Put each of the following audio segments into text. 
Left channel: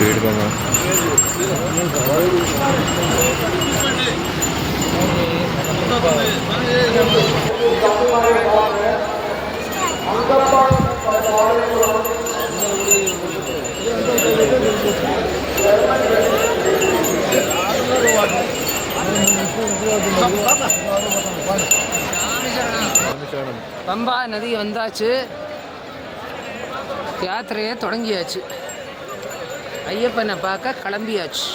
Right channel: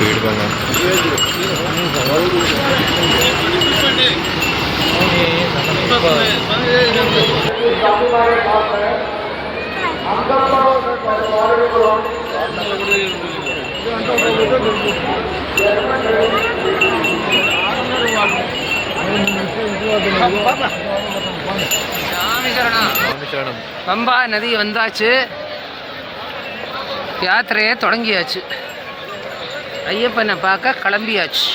भीड़ का பம்பா நதி வந்தாச்சு, யாத்திரையை தொடங்கியாச்சு, ஐயப்பனை பார்க்க கிளம்பியாச்சு.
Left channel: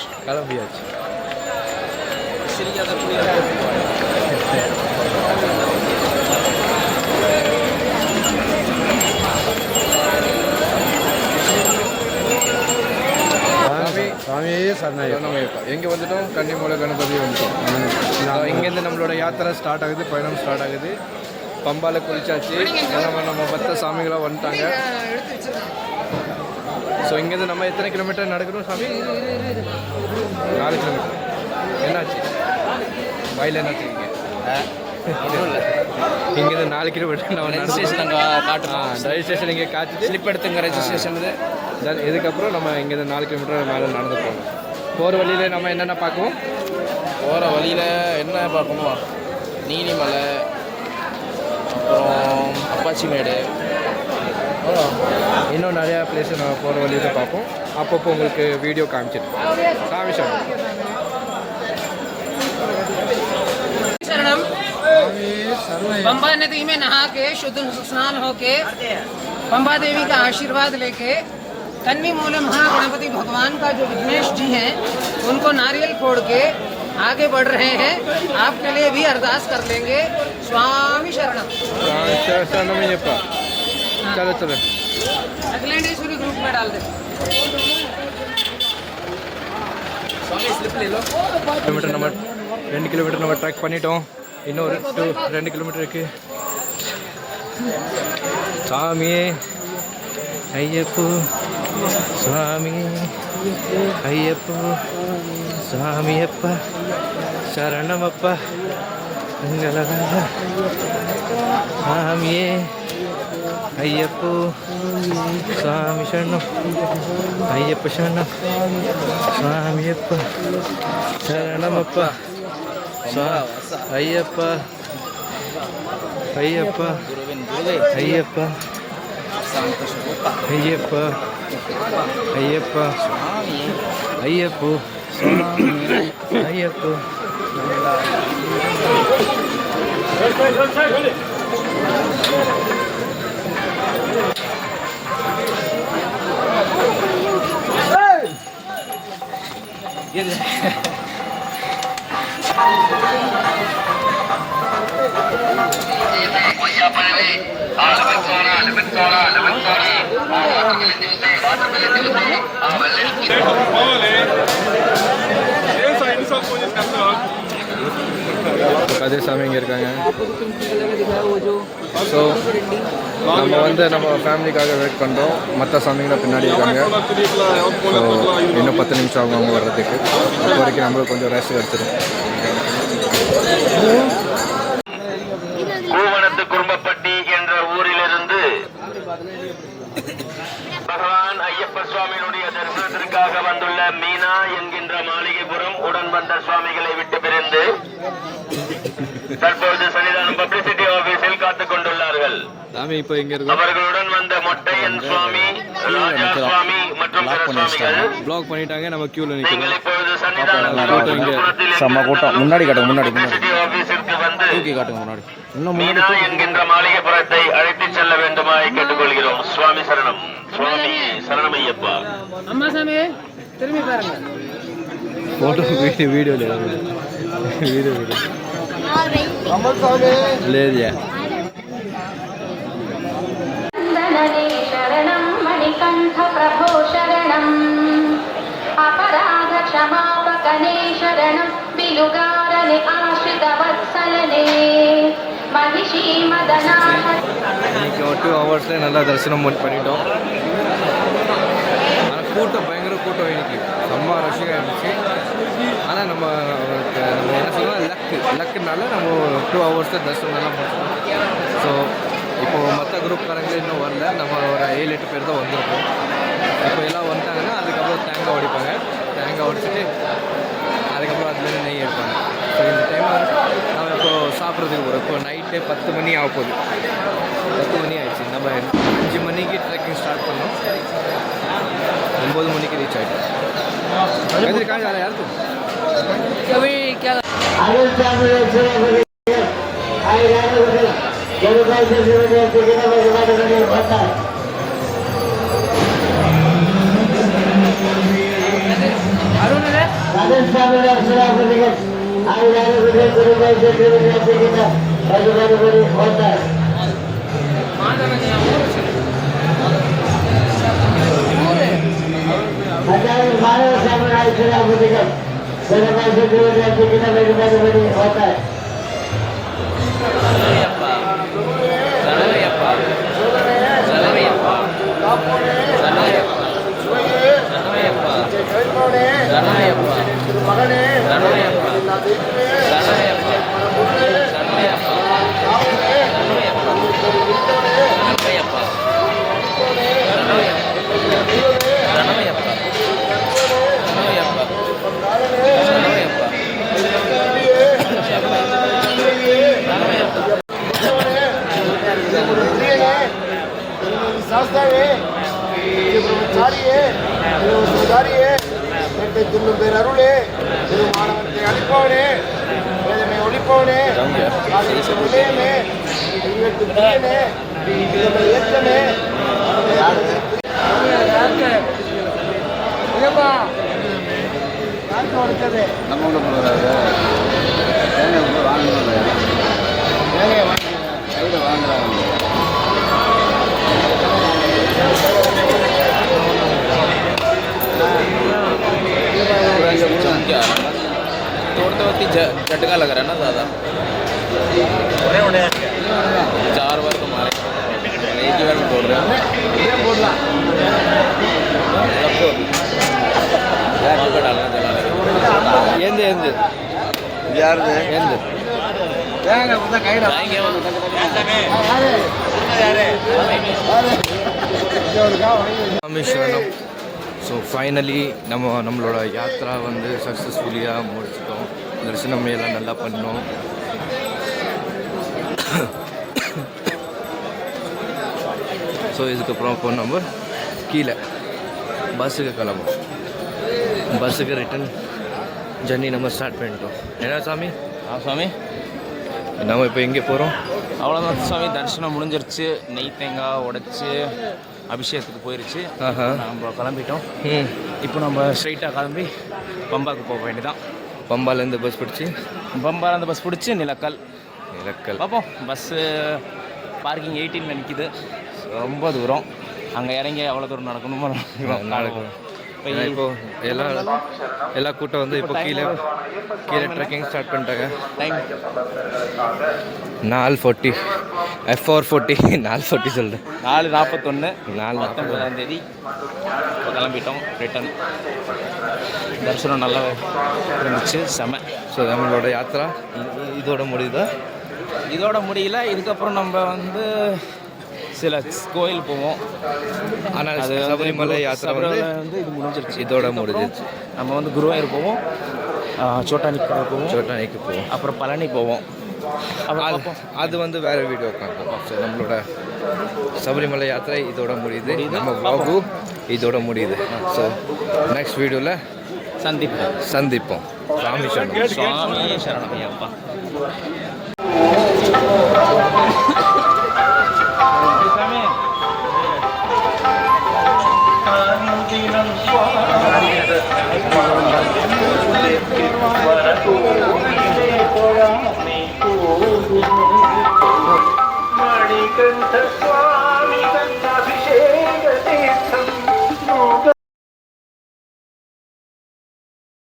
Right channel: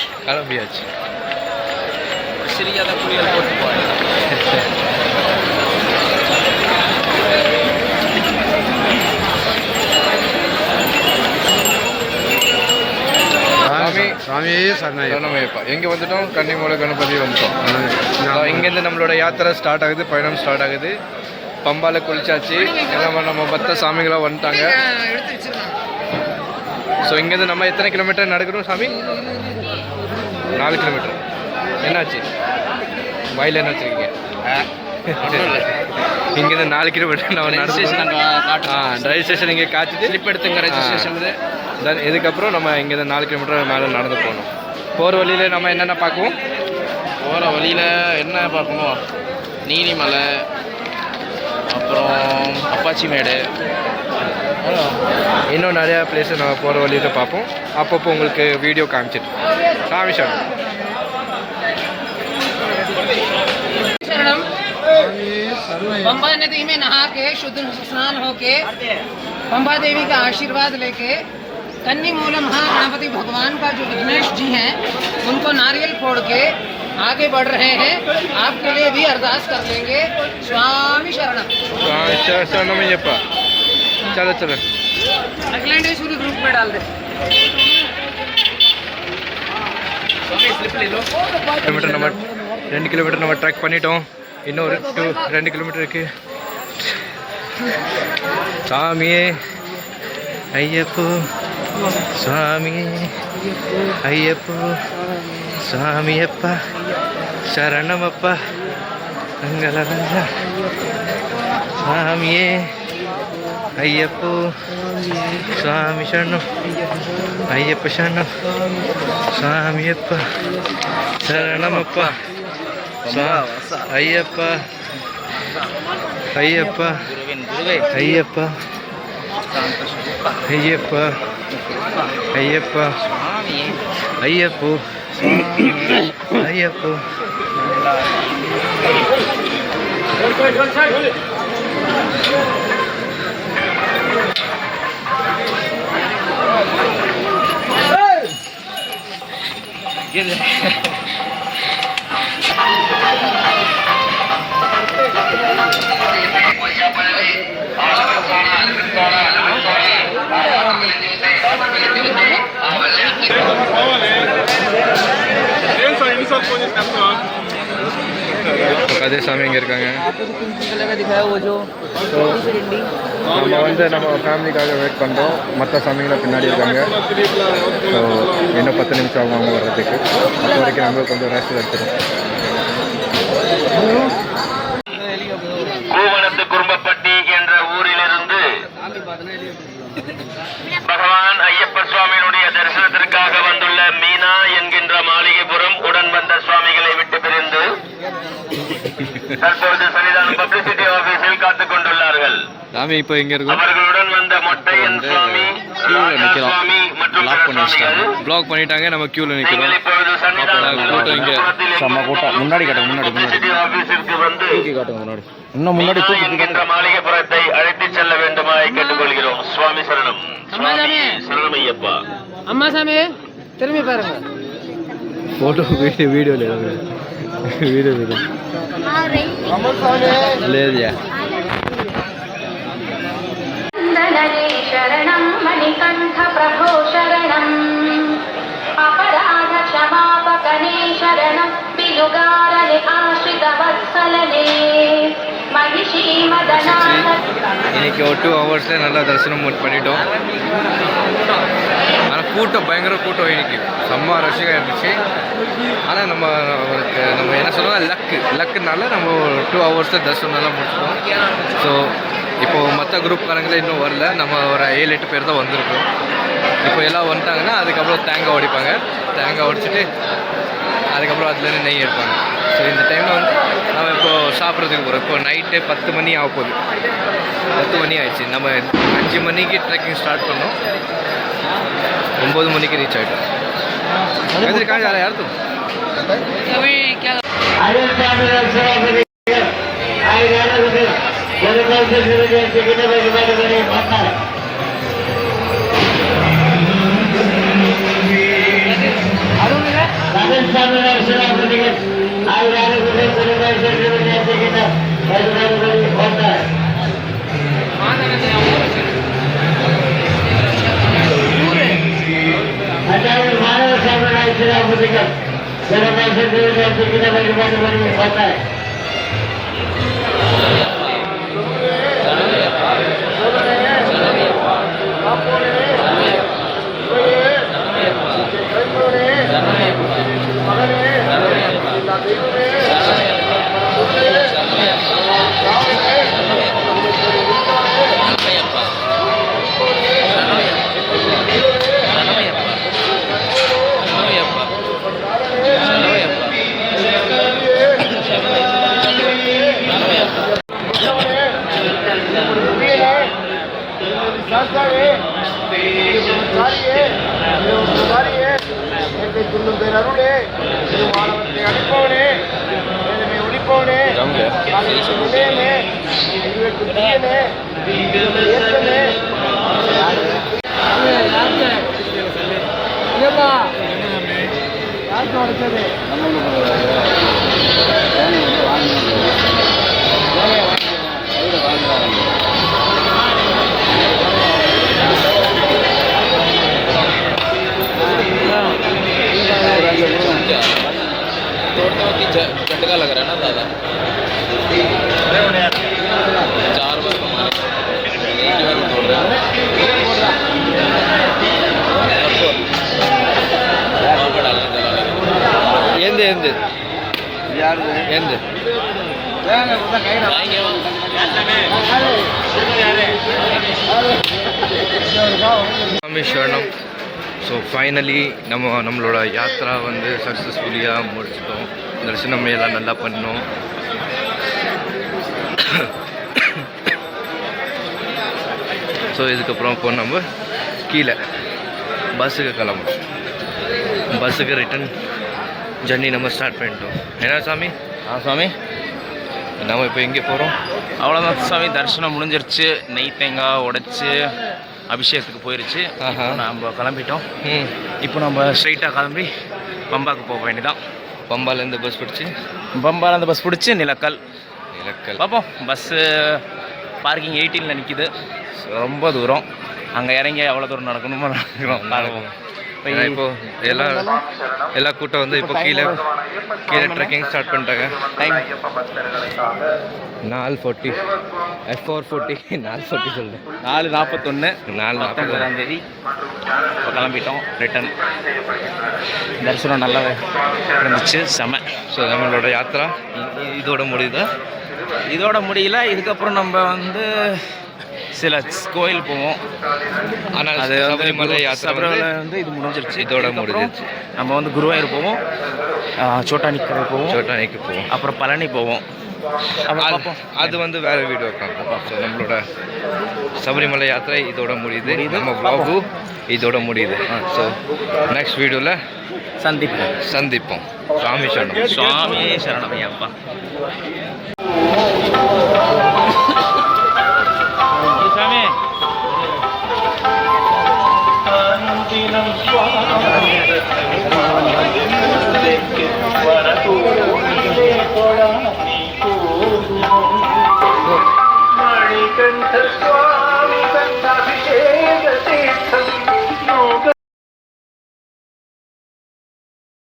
சாமியே சரணமையப்பா. எங்கே வந்துட்டோம்? கன்னிமூலை கணபதி வந்துட்டோம். இங்கேருந்து நம்மளோட யாத்திரை ஸ்டார்ட் ஆகுது, பயணம் ஸ்டார்ட் ஆகுது. பம்பால குளிச்சாச்சு, நம்ம மற்ற சாமிகளாக வந்துட்டாங்க. ஸோ இங்கேருந்து நம்ம எத்தனை கிலோமீட்டர் நடக்கணும் சாமி? 4 கிலோமீட்டர். என்னாச்சு வாயில் என்ன வச்சுருக்கீங்க? இங்கேருந்து 4 கிலோமீட்டர் நம்ம டிரைவ் ஸ்டேஷன் இங்கே காய்ச்சிட்டு ஸ்லிப் எடுத்துங்க ரெஜிஸ்ட்ரேஷன். தென் இதுக்கப்புறம் நம்ம இங்கேருந்து 4 கிலோமீட்டர் மேலே நடந்து போகணும். போகிற வழியில் நம்ம என்னென்ன பார்க்குவோம்? போகிற வழியில் என்ன பார்க்கணும்? நீலிமலை, அப்புறம் அப்பாச்சி மேடு, இன்னும் நிறையா பிளேஸை நம்ம போகிற வழியில் பார்ப்போம். அப்பப்போ உங்களுக்கு வீடியோ காமிச்சிட்டு. சாமி शरणम। पंबा नदी में नहा के शुद्ध स्नान होके पंबा देवी का आशीर्वाद लेके कन्नीमूल महागणपति भगवान का जो विघ्नेश जी हैं उनको नारियल फोड़ के आगे बढ़ रहे हैं। आपके लिए भी अरदास कर लेंगे। स्वामी शरणम। शरणमय्यप्पा। चलो चलो अखिलेश्वरी ग्रुप में डाल दे। किलोमीटर नंबर 2 கிலோமீட்டர் நம்ம ட்ராக் பண்ணிட்டோம். இன்னொரு 2 கிலோமீட்டர் இருக்குது. சாமியே ஐயப்போ, சுவாமியே ஐயப்போ, சுவாமியப்பா சரணமப்பா மங்களராஜா. சாமியே ஐயப்போ, சுவாமி சரணம், ஐயப்ப சரணம், சுவாமியப்பா சரணமப்பா, ஐயப்பா ஐயப்பா ஐயப்பா ஐயப்பா ஐயப்பா ஐயப்போ ஐயப்போ. அதே சாமி இங்கே இருக்காங்க. ஸோ நம்ம நம்ம ஃபேமிலிக்காக வெயிட் பண்ணுறோம். மற்ற சாமிங்களாம் பின்னாடி இருக்காங்க. ஸோ இன்னும் 10 நிமிஷம் ஆகும் அவங்க வர்றதுக்கு. அப்போ வரைக்கும் நம்மளுக்கு கொஞ்சம் ரெஸ்ட் எடுத்துடும். கூவனத்து குறும்பப்பட்டி என்ற ஊரிலிருந்து பகவான் ஐயப்ப சுவாமியினுடைய தரிசனத்திற்காக வந்துள்ள மீனா என்கின்ற மாளிகைபுரம் உடன் வந்த சுவாமிகளை விட்டு பிரிந்து தற்பொழுது சன்னிதானம் பப்ளிசிட்டி ஆபீஸில் காத்துக் கொண்டுள்ளார்கள். அவர்களுடன் வந்த மொட்டையன் சுவாமி மற்றும் பிளாக் பண்ணிட்டாங்க. நம்ம கியூல நிக்கிறோம். முன்னாடி காட்டுங்க, முன்னாடி இன்னும் முன்னாடி என்கின்ற மாளிகைபுரத்தை அழைத்துச் செல்ல வேண்டுமாய் கேட்டுக்கொள்கிறோம். சுவாமி சரணம். சுவாமி சரணமையப்பா. அம்மா சாமி திரும்பி பாருங்க. फोटो वीडियो ले ले दिया. शरणं मणिकण्ठ प्रभो शरणं अपराध क्षमापकने शरणं बिलुगारने आश्रितवत्सलने महिषी मदनाथ. இன்னைக்கு ஒரு 2 ஹவர்ஸில் நல்லா தரிசனம் பண்ணிட்டோம். ஆனால் கூட்டம் பயங்கர கூட்டம் இன்னைக்கு செம்ம ரஷ்ஷாக இருந்துச்சு. ஆனால் நம்ம என்ன சொல்லுவோம், லக்குனால நம்ம 2 ஹவர்ஸில் தர்ஷனம்லாம் முடிச்சிட்டோம். ஸோ இப்போது மற்ற குரூப்காரங்களே இன்னும் வரல. நம்ம ஒரு 7-8 பேர் தான் வந்திருக்கோம். இப்போ எல்லாம் வந்துட்டாங்கன்னா அதுக்கப்புறம் தேங்காய் உடைப்பாங்க. தேங்காய் உடைச்சிட்டு அதுக்கப்புறம் அதுலேருந்து நெய் எடுப்பாங்க. ஸோ இந்த டைமில் வந்து நம்ம இப்போ சாப்பிட்றதுக்கு போகிறோம். இப்போ நைட்டு 10 மணி ஆக போகுது. 10 மணி ஆயிடுச்சு. நம்ம 5 மணிக்கு ட்ரெக்கிங் ஸ்டார்ட் பண்ணோம். 9 மணிக்கு ரீச் ஆகிட்டோம். கहाँ जा रहा है यार तुम? झटका लग रहा है ना ज़्यादा. 4 बार एक ही बार बोल रहा है. ಎಂದೆ स्वामी शरणम. ஸோ ஃபைனலி நம்மளோட யாத்ரா வந்து சக்ஸஸ்ஃபுல்லியாக முடிச்சிட்டோம். தரிசனம் எல்லாம் நல்லா பண்ணோம். ஸோ இதுக்கப்புறம் இப்போ நம்ம கீழே பஸ்ஸுக்கு கிளம்புறோம். பஸ்ஸுக்கு ரிட்டன் ஜர்னி நம்ம ஸ்டார்ட் பண்ணிட்டோம். என்ன சாமி? சாமி நம்ம இப்போ எங்கே போகிறோம்? அவ்வளோதான் சாமி, தரிசனம் முடிஞ்சிருச்சு. நெய் தேங்காய் உடைச்சி அபிஷேகத்துக்கு போயிருச்சு. நம்ம கிளம்பிட்டோம். இப்போ நம்ம ஸ்ட்ரைட்டாக கிளம்பி பம்பாவுக்கு போக வேண்டியதான். பம்பாலேருந்து பஸ் பிடிச்சி நிலக்கல் பார்ப்போம். பஸ்ஸு பார்க்கிங் 18ல் நிற்கிது. ரொம்ப தூரம். அங்கே இறங்கி எவ்வளோ தூரம் நடக்கணுமோ நடக்கிறோம். இப்போ எல்லா கூட்டம் வந்து இப்போ கீழே ட்ரெக்கிங் ஸ்டார்ட் பண்ணிட்டாங்க. டைம் 4:40 F440 4:40 சொல்லுது. 4:41 4:41 இப்போ கிளம்பிட்டோம் ரிட்டன். தரிசனம் நல்லா இருந்துச்சு, செம. ஸோ நம்மளோட யாத்திரா இதோட முடியல. இதுக்கப்புறம் நம்ம வந்து சில கோயில் போவோம். ஆனால் அது வந்து சபரிமலை வந்து இது முடிஞ்சிருச்சு. இதோட முடிஞ்சிருச்சு. நம்ம வந்து குருவாயூர் போவோம், சோட்டானிக்கு போவோம், அப்புறம் பழனி போவோம். அது வந்து வேறு வீடியோ பார்ப்போம். ஸோ நம்மளோட சபரிமலை யாத்திரை இதோட முடியுது. நம்ம vlog இதோட முடியுது. ஸோ நெக்ஸ்ட் வீடியோவில் சந்திப்போம். சுவாமி சரணம் ஐயப்பா. மணிகண்ட